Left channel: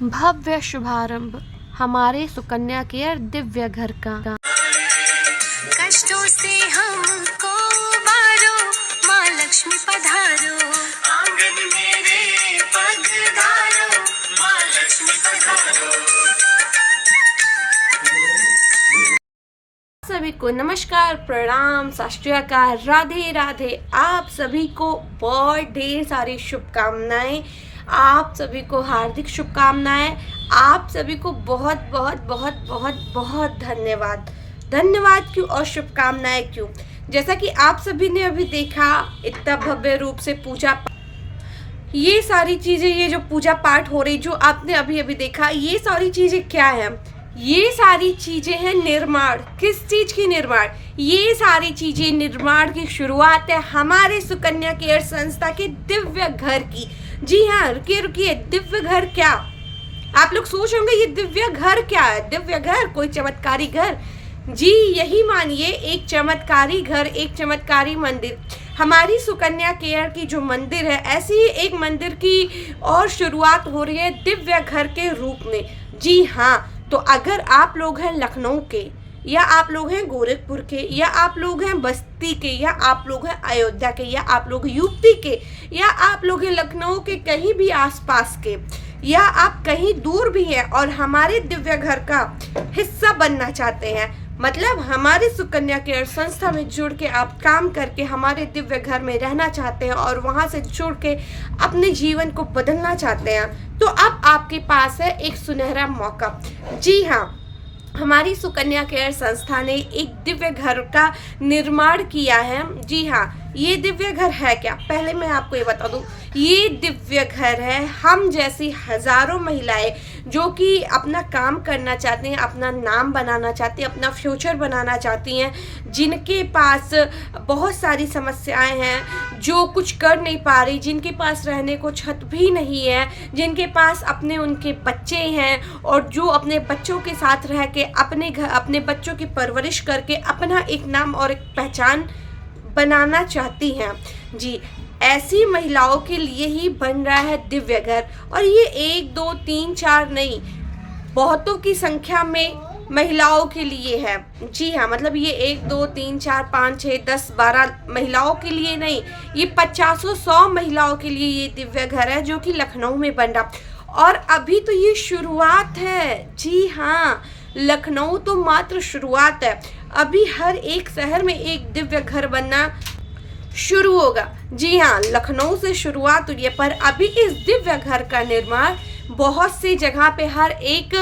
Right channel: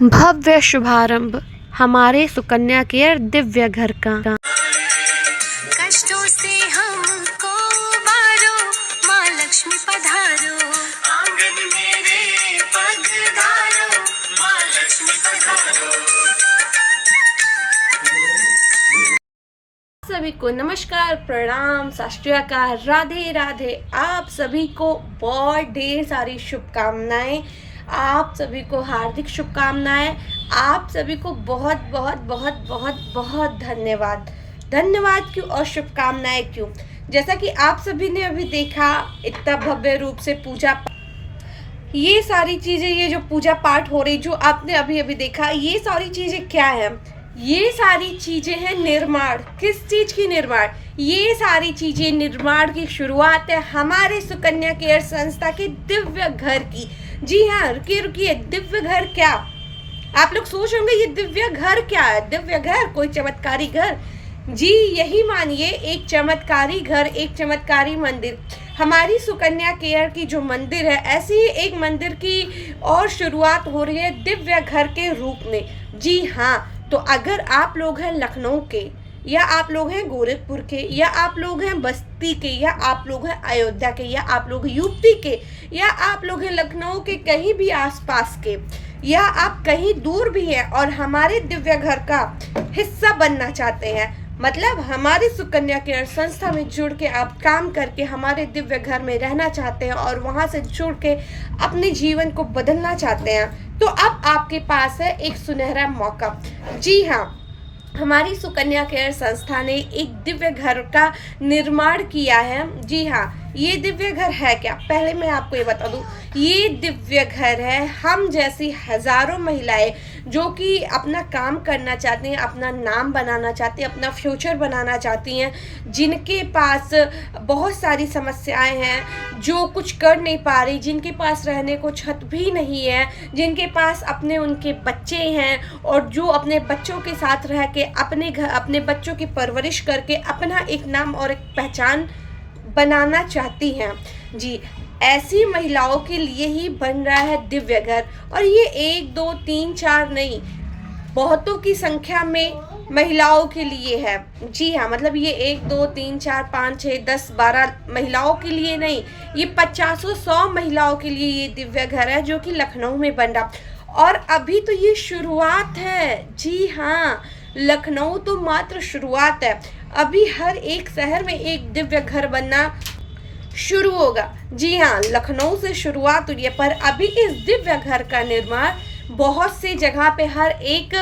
भव्य शुभारंभ हमारे सुकन्या केयर दिव्य घर का। कष्टों से हमको उबारो, माँ लक्ष्मी पधारो, आंगन मेरे पधारो, माँ लक्ष्मी पधारो। सभी को नमस्कार, प्रणाम, सत श्री अकाल, राधे राधे। आप सभी को बहुत ढेर सारी शुभकामनाएं, आप सभी को हार्दिक शुभकामनाएं, आप सभी को बहुत बहुत बहुत बहुत बहुत धन्यवाद। धन्यवाद क्यों और शुभकामनाएं क्यों? जैसा कि आप सभी ने अभी देखा, इतना भव्य रूप से पूजा, ये सारी चीज़ें, ये जो पूजा पाठ हो रही, जो आपने अभी अभी देखा, ये सारी चीज़ें क्या है? ये सारी चीज़ें हैं निर्माण। किस चीज़ की निर्माण? ये सारी चीज़ें निर्माण की शुरुआत है हमारे सुकन्या केयर संस्था के दिव्य घर की। जी हाँ, रुकिए रुकिए, दिव्य घर क्या? आप लोग सोच होंगे ये दिव्य घर क्या है? दिव्य घर कोई चमत्कारी घर? जी यही मानिए, एक चमत्कारी घर, एक चमत्कारी मंदिर। हमारी सुकन्या केयर की जो मंदिर है, ऐसी ही एक मंदिर की और शुरुआत हो रही है दिव्य घर के रूप में। जी हाँ, तो अगर आप लोग हैं लखनऊ के, या आप लोग हैं गोरखपुर के, या आप लोग हैं बस्ती के, या आप लोग हैं अयोध्या के, या आप लोग यूपी के, या आप लोग हैं लखनऊ के कहीं भी आसपास के, या आप कहीं दूर भी हैं और हमारे दिव्य घर का हिस्सा बनना चाहते हैं, मतलब हमारे सुकन्या केयर संस्था में जुड़ के आप काम करके हमारे दिव्य घर में रहना चाहते हैं और वहां से जुड़ के अपने जीवन को बदलना चाहते हैं, तो अब आपके पास है एक सुनहरा मौका। जी हाँ, हमारी सुकन्या केयर संस्था ने एक दिव्य घर का निर्माण किया है। जी हाँ, ये दिव्य घर है क्या? पहले मैं आपको ये बता दूं, ये दिव्य घर है हम जैसी हजारों महिलाएं जो कि अपना काम करना चाहती हैं, अपना नाम बनाना चाहती हैं, अपना फ्यूचर बनाना चाहती हैं, जिनके पास बहुत सारी समस्याएं हैं, जो कुछ कर नहीं पा रही, जिनके पास रहने को छत भी नहीं है, जिनके पास अपने उनके बच्चे हैं और जो अपने बच्चों के साथ रह के अपने घर, अपने बच्चों की परवरिश करके अपना एक नाम और एक पहचान बनाना चाहती हैं। जी, ऐसी महिलाओं के लिए ही बन रहा है दिव्य घर। और ये 1 2 3 4 नहीं, बहुतों की संख्या में महिलाओं के लिए है। जी हाँ, मतलब ये 1 2 3 4 5 6 10 12 महिलाओं के लिए नहीं, ये 50-100 महिलाओं के लिए ये दिव्य घर है जो कि लखनऊ में बन रहा। और अभी तो ये शुरुआत है। जी हाँ, लखनऊ तो मात्र शुरुआत है, अभी हर एक शहर में एक दिव्य घर बनना शुरू होगा। जी हाँ, लखनऊ से शुरुआत हुई है, पर अभी इस दिव्य घर का निर्माण बहुत सी जगह पे हर एक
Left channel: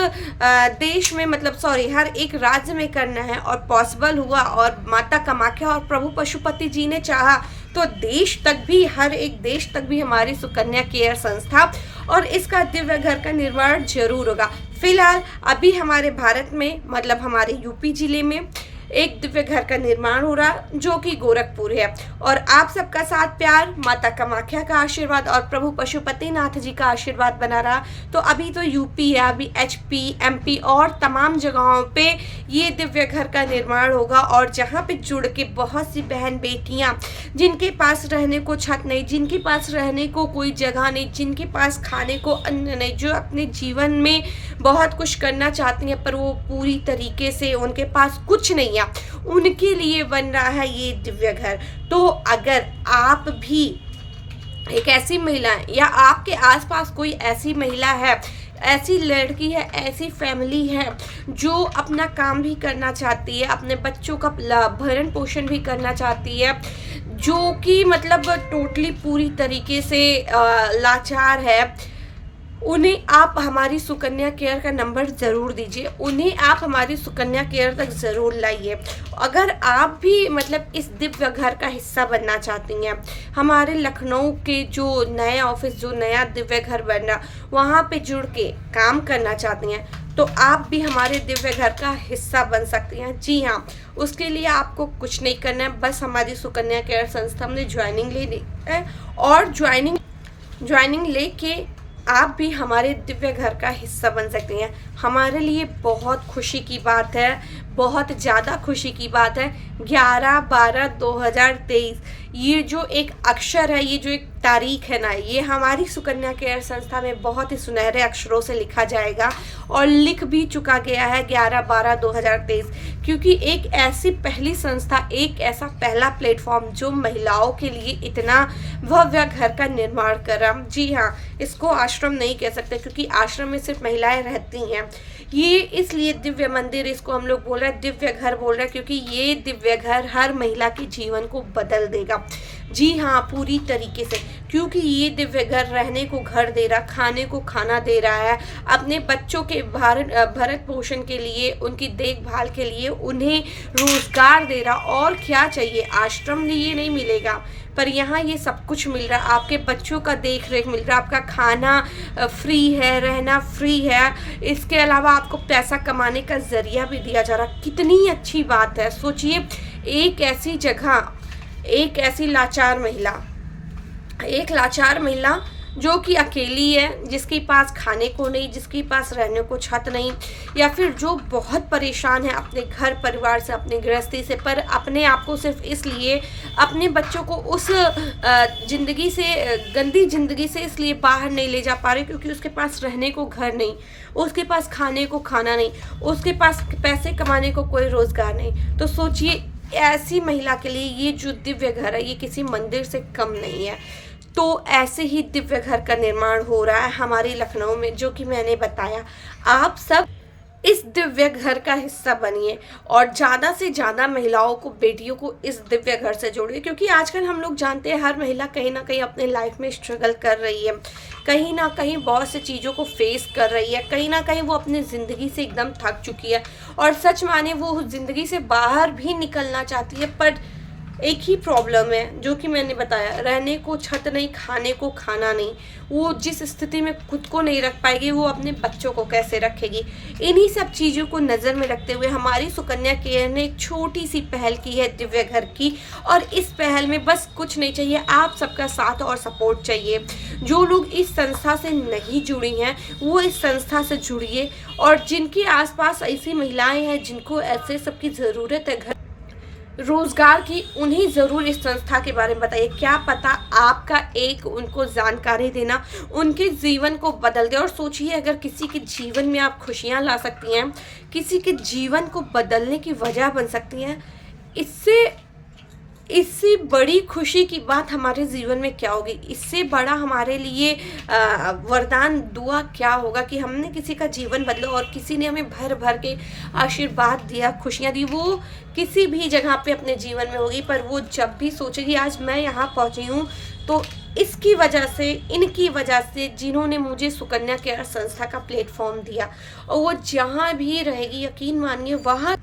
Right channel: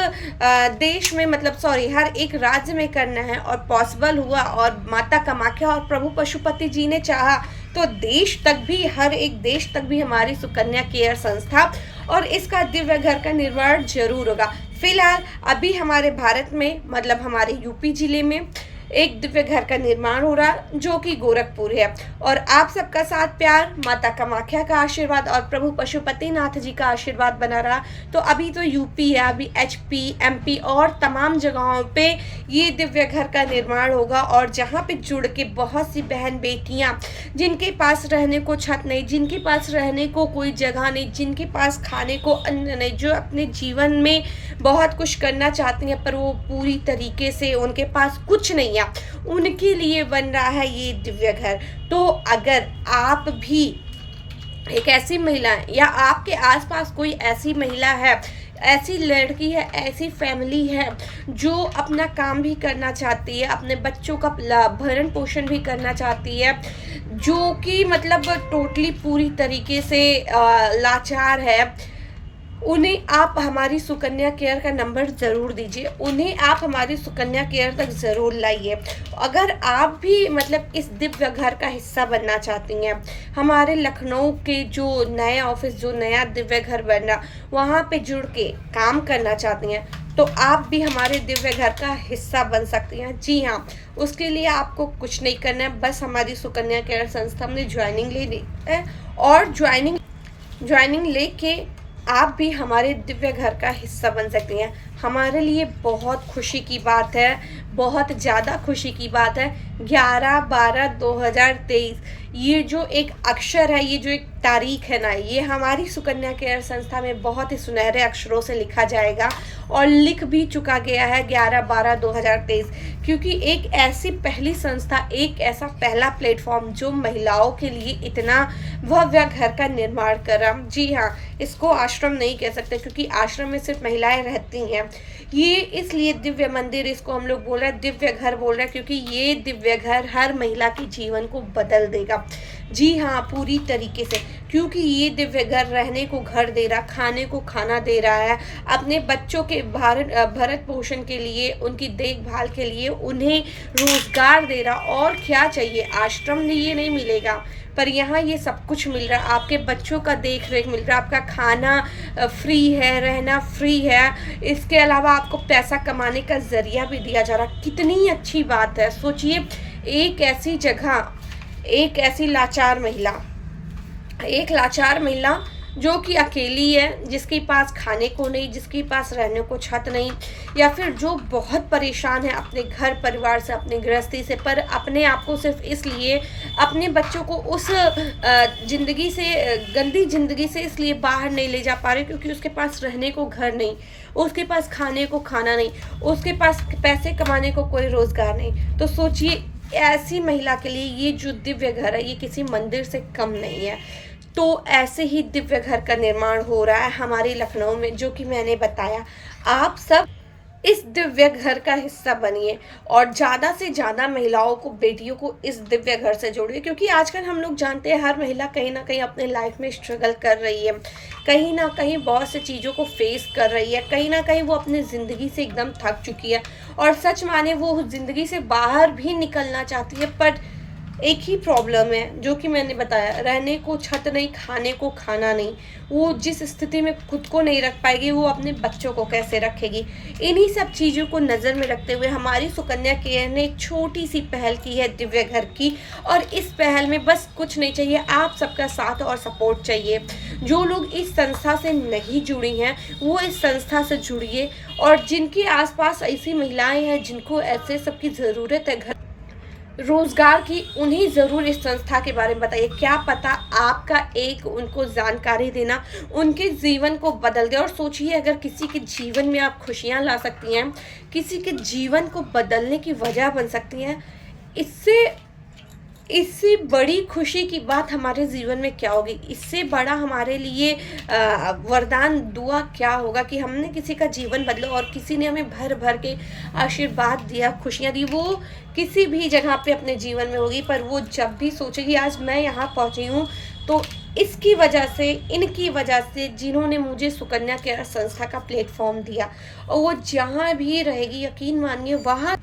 देश में, मतलब हर एक राज्य में करना है और पॉसिबल हुआ, और माता कामाख्या और प्रभु पशुपति जी ने चाहा तो देश तक भी, हर एक देश तक भी हमारी सुकन्या केयर संस्था और इसका दिव्य घर का निर्माण जरूर होगा। फिलहाल अभी हमारे भारत में, मतलब हमारे यूपी जिले में एक दिव्य घर का निर्माण हो रहा जो कि गोरखपुर है। और आप सबका साथ प्यार, माता कामाख्या का आशीर्वाद और प्रभु पशुपतिनाथ जी का आशीर्वाद बना रहा। तो अभी तो यूपी है, अभी एचपी, एमपी और तमाम जगहों पे ये दिव्य घर का निर्माण होगा। और जहाँ पे जुड़ के बहुत सी बहन बेटियाँ, जिनके पास रहने को छत नहीं, जिनके पास रहने को कोई जगह नहीं, जिनके पास खाने को अन्न नहीं, जो अपने जीवन में बहुत कुछ करना चाहती हैं पर वो पूरी तरीके से उनके पास कुछ नहीं, उनके लिए बन रहा है ये दिव्य घर। तो अगर आप भी एक ऐसी महिला है, या आपके आसपास कोई ऐसी महिला है, ऐसी लड़की है, ऐसी फैमिली है जो अपना काम भी करना चाहती है, अपने बच्चों का भरण पोषण भी करना चाहती है, जो कि मतलब टोटली पूरी तरीके से लाचार है, उन्हें आप हमारी सुकन्या केयर का नंबर ज़रूर दीजिए, उन्हें आप हमारी सुकन्या केयर तक ज़रूर लाइए। अगर आप भी मतलब इस दिव्य घर का हिस्सा बनना चाहती हैं, हमारे लखनऊ के जो नया ऑफिस, जो नया दिव्य घर बन रहा, वहाँ पे जुड़ के काम करना चाहती हैं, तो आप भी हमारे दिव्य घर का हिस्सा बन सकती हैं। जी हाँ, उसके लिए आपको कुछ नहीं करना है, बस हमारी सुकन्या केयर संस्था में ज्वाइनिंग लेनी है, और ज्वाइनिंग लेके आप भी हमारे दिव्य घर का हिस्सा बन सकते हैं। हमारे लिए बहुत खुशी की बात है, बहुत ज़्यादा खुशी की बात है। 11/12/2023 ये जो एक अक्षर है, ये जो एक तारीख है ना, ये हमारी सुकन्या केयर संस्था में बहुत ही सुनहरे अक्षरों से लिखा जाएगा और लिख भी चुका गया है 11/12/2023, क्योंकि एक ऐसी पहली संस्था, एक ऐसा पहला प्लेटफॉर्म जो महिलाओं के लिए इतना भव्य घर का निर्माण कर रहा। जी हाँ, इसको आश्रम नहीं कह सकते क्योंकि आश्रम में सिर्फ महिलाएं रहती हैं। ये इसलिए दिव्य मंदिर इसको हम लोग बोल रहे हैं, दिव्य घर बोल रहे हैं, क्योंकि ये दिव्य घर हर महिला के जीवन को बदल देगा। जी हाँ, पूरी तरीके से, क्योंकि ये दिव्य घर रहने को घर दे रहा, खाने को खाना दे रहा है, अपने बच्चों के भरण पोषण के लिए, उनकी देखभाल के लिए उन्हें रोजगार दे रहा। और क्या चाहिए, आश्रम में ये नहीं मिलेगा, पर यहाँ ये सब कुछ मिल रहा है। आपके बच्चों का देख रेख मिल रहा है, आपका खाना फ्री है, रहना फ्री है, इसके अलावा आपको पैसा कमाने का जरिया भी दिया जा रहा। कितनी अच्छी बात है। सोचिए, एक ऐसी जगह, एक ऐसी लाचार महिला जो कि अकेली है, जिसके पास खाने को नहीं, जिसके पास रहने को छत नहीं, या फिर जो बहुत परेशान है अपने घर परिवार से, अपनी गृहस्थी से, पर अपने आप को सिर्फ इसलिए अपने बच्चों को उस ज़िंदगी से, गंदी ज़िंदगी से इसलिए बाहर नहीं ले जा पा रहे क्योंकि उसके पास रहने को घर नहीं, उसके पास खाने को खाना नहीं, उसके पास पैसे कमाने को कोई रोज़गार नहीं। तो सोचिए, ऐसी महिला के लिए ये जो दिव्य घर है, ये किसी मंदिर से कम नहीं है। तो ऐसे ही दिव्य घर का निर्माण हो रहा है हमारे लखनऊ में, जो कि मैंने बताया। आप सब इस दिव्य घर का हिस्सा बनिए और ज़्यादा से ज़्यादा महिलाओं को, बेटियों को इस दिव्य घर से जोड़िए, क्योंकि आजकल हम लोग जानते हैं हर महिला कहीं ना कहीं अपने लाइफ में स्ट्रगल कर रही है, कहीं ना कहीं बहुत सी चीज़ों को फेस कर रही है, कहीं ना कहीं वो अपनी ज़िंदगी से एकदम थक चुकी है और सच माने वो ज़िंदगी से बाहर भी निकलना चाहती है, पर एक ही प्रॉब्लम है जो कि मैंने बताया, रहने को छत नहीं, खाने को खाना नहीं। वो जिस स्थिति में खुद को नहीं रख पाएगी, वो अपने बच्चों को कैसे रखेगी। इन्हीं सब चीज़ों को नज़र में रखते हुए हमारी सुकन्या केयर ने एक छोटी सी पहल की है दिव्य घर की, और इस पहल में बस कुछ नहीं चाहिए, आप सबका साथ और सपोर्ट चाहिए। जो लोग इस संस्था से नहीं जुड़ी हैं वो इस संस्था से जुड़िए, और जिनके आसपास ऐसी महिलाएं हैं जिनको ऐसे सबकी ज़रूरत है घर रोजगार की, उन्हें ज़रूर इस संस्था के बारे में बताइए। क्या पता आपका एक उनको जानकारी देना उनके जीवन को बदल दे। और सोचिए, अगर किसी के जीवन में आप खुशियाँ ला सकती हैं, किसी के जीवन को बदलने की वजह बन सकती हैं, इससे बड़ी खुशी की बात हमारे जीवन में क्या होगी। इससे बड़ा हमारे लिए वरदान दुआ क्या होगा कि हमने किसी का जीवन बदला और किसी ने हमें भर भर के आशीर्वाद दिया, खुशियाँ दी। वो किसी भी जगह पे अपने जीवन में होगी, पर वो जब भी सोचेगी आज मैं यहाँ पहुँची हूँ तो इसकी वजह से, इनकी वजह से, जिन्होंने मुझे सुकन्या केयर संस्था का प्लेटफॉर्म दिया। और वो जहाँ भी रहेगी, यकीन मानिए वहाँ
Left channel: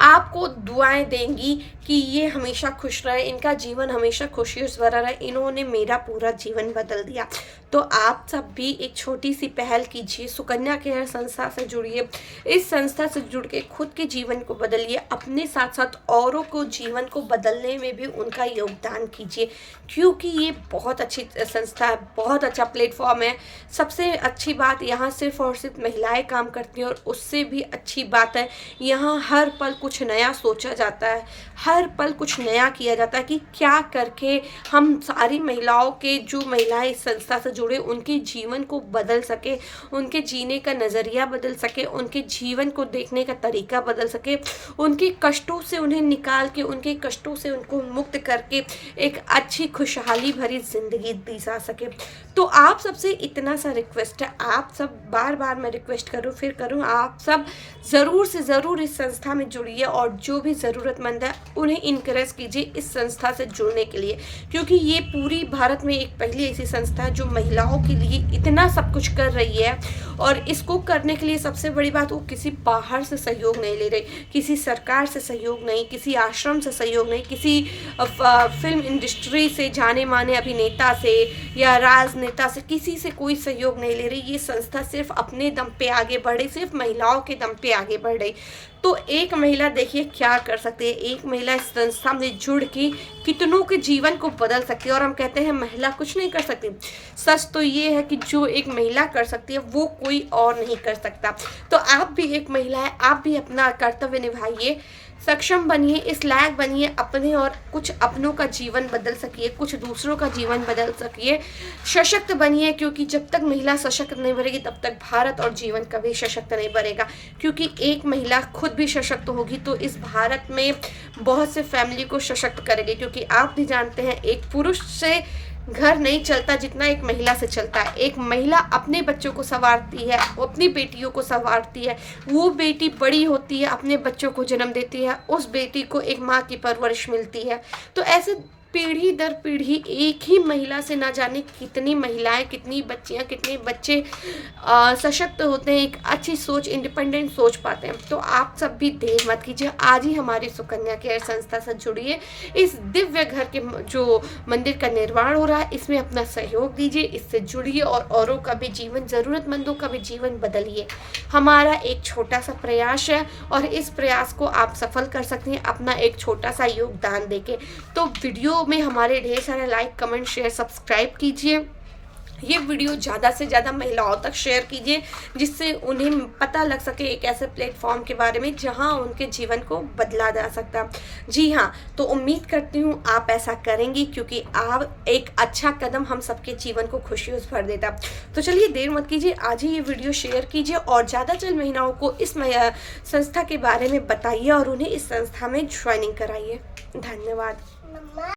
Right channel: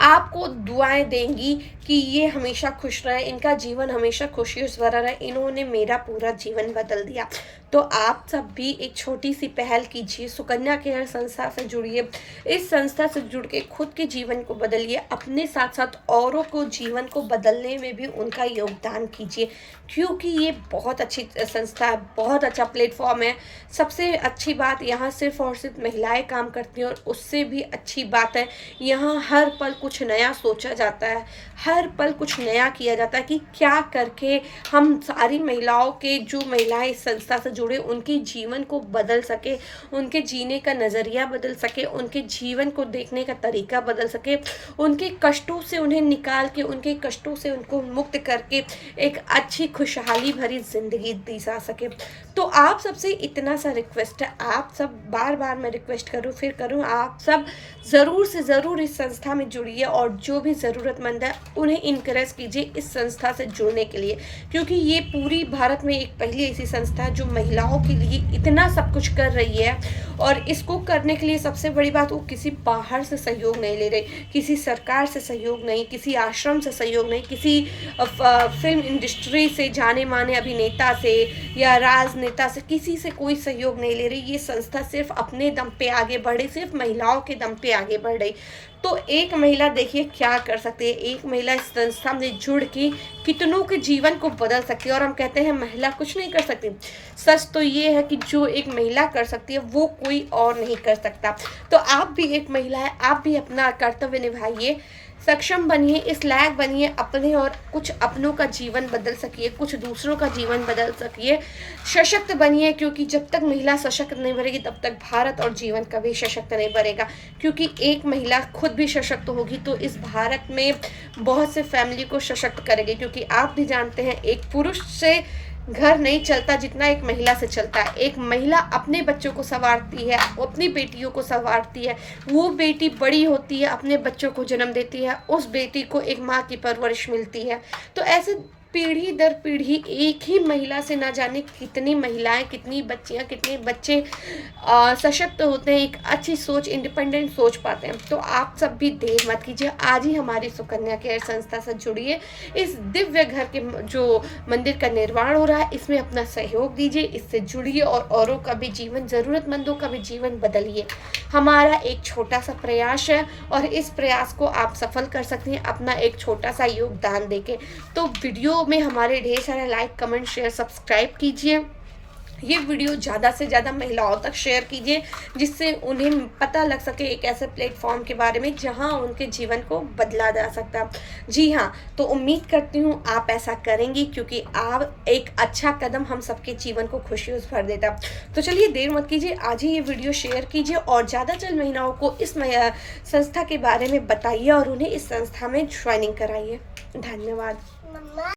आपको दुआएं देंगी कि ये हमेशा खुश रहे, इनका जीवन हमेशा खुशियों से भरा रहे, इन्होंने मेरा पूरा जीवन बदल दिया। तो आप सब भी एक छोटी सी पहल कीजिए, सुकन्या केयर संस्था से जुड़िए, इस संस्था से जुड़ के खुद के जीवन को बदलिए, अपने साथ साथ औरों को जीवन को बदलने में भी उनका योगदान कीजिए, क्योंकि ये बहुत अच्छी संस्था है, बहुत अच्छा प्लेटफॉर्म है। सबसे अच्छी बात, यहाँ सिर्फ और सिर्फ महिलाएं काम करती हैं, और उससे भी अच्छी बात है यहाँ हर पल कुछ नया सोचा जाता है, हर पल कुछ नया किया जाता है कि क्या करके हम सारी महिलाओं के, जो महिलाएं इस संस्था से जुड़े, उनके जीवन को बदल सके, उनके जीने का नज़रिया बदल सके, उनके जीवन को देखने का तरीका बदल सके, उनके कष्टों से उन्हें निकाल के, उनके कष्टों से उनको मुक्त करके एक अच्छी खुशहाली भरी ज़िंदगी दी जा सके। तो आप सबसे इतना सा रिक्वेस्ट है, आप सब, बार बार मैं रिक्वेस्ट करूँ, आप सब ज़रूर से ज़रूर इस संस्था में जुड़िए, और जो भी ज़रूरतमंद है उन्हें इनकरेज कीजिए इस संस्था से जुड़ने के लिए, क्योंकि ये पूरी भारत में एक पहली ऐसी संस्था है जो महिलाओं के लिए इतना सब कुछ कर रही है। और इसको करने के लिए सबसे बड़ी बात, वो किसी बाहर से सहयोग नहीं ले रही, किसी सरकार से सहयोग नहीं, किसी आश्रम से सहयोग नहीं, किसी फिल्म इंडस्ट्री से, जाने माने अभिनेता से या राजनेता से, किसी से कोई सहयोग नहीं ले रही। ये संस्था सिर्फ अपने दम पे आगे बढ़ रही, सिर्फ महिलाओं के दम पे आगे बढ़ रही। तो एक महिला देखिए क्या कर सकती है, एक महिला इस संस्था में जुड़ के कितनों के जीवन को बदल सकती है। और हम कहते हैं महिला कुछ नहीं कर सकती, सच तो ये है कि जो एक महिला कर सकती है वो कोई और नहीं कर सकता। तो आप भी एक महिला है, आप भी अपना कर्तव्य निभाइए, सक्षम बनिए, इस लायक बनिए अपने और कुछ अपनों का जीवन बदल सकिए, कुछ दूसरों का जीवन बदल सकिए, सशक्त बनिए, क्योंकि जब तक महिला सशक्त नहीं बनेगी तब तक भारत और जीवन कभी सशक्त नहीं बनेगा। क्योंकि एक महिला खुद भी सशक्त होगी तो इस भारत में बहुत से फैमिली को सशक्त करेगी। क्योंकि आप भी जानते हैं एक पुरुष से घर नहीं चलता जितना एक महिला से चलता है। एक महिला अपने बच्चों को संवारती है, अपनी बेटियों को संवारती है, वो बेटी बड़ी होती है, अपने बच्चों को जन्म देती है, उस बेटी को एक माँ की परवरिश मिलती है। तो ऐसे पीढ़ी दर पीढ़ी एक ही महिला से ना जाने कितनी महिलाएं, कितनी बच्चियां, कितने बच्चे सशक्त होते हैं, एक अच्छी सोच, इंडिपेंडेंट सोच पाते हैं। तो आप सब भी देर मत कीजिए, आज ही हमारी सुकन्या केयर संस्था से जुड़िए। इस दिव्य घर के जो मंदिर का निर्माण हो रहा है इसमें अपना सहयोग दीजिए, इससे जुड़िए और औरों का भी जीवन, ज़रूरतमंदों का भी जीवन बदलिए। हमारा एक छोटा सा प्रयास है और इस प्रयास को आप सफल कर सकते हैं अपना एक छोटा सा योगदान देके। तो वीडियो में हमारे ढेर सारे लाइक, कमेंट, शेयर, सब्सक्राइब कीजिए। ये वीडियो ज़्यादा से ज़्यादा महिलाओं तक शेयर कीजिए जिससे उन्हें पता लग सके एक ऐसे प्लेटफॉर्म के बारे में जहां उनके जीवन को बदला जा सकता है। जी हाँ, तो उम्मीद करती हूँ आप ऐसा करेंगी क्योंकि आप एक अच्छा कदम हम सबके जीवन को खुशियों से भर देता। तो चलिए देर मत कीजिए, आज ही ये वीडियो शेयर कीजिए और ज़्यादा से ज़्यादा महिलाओं को इस संस्था के बारे में बताइए और उन्हें इस संस्था में ज्वाइनिंग कराइए। धन्यवाद।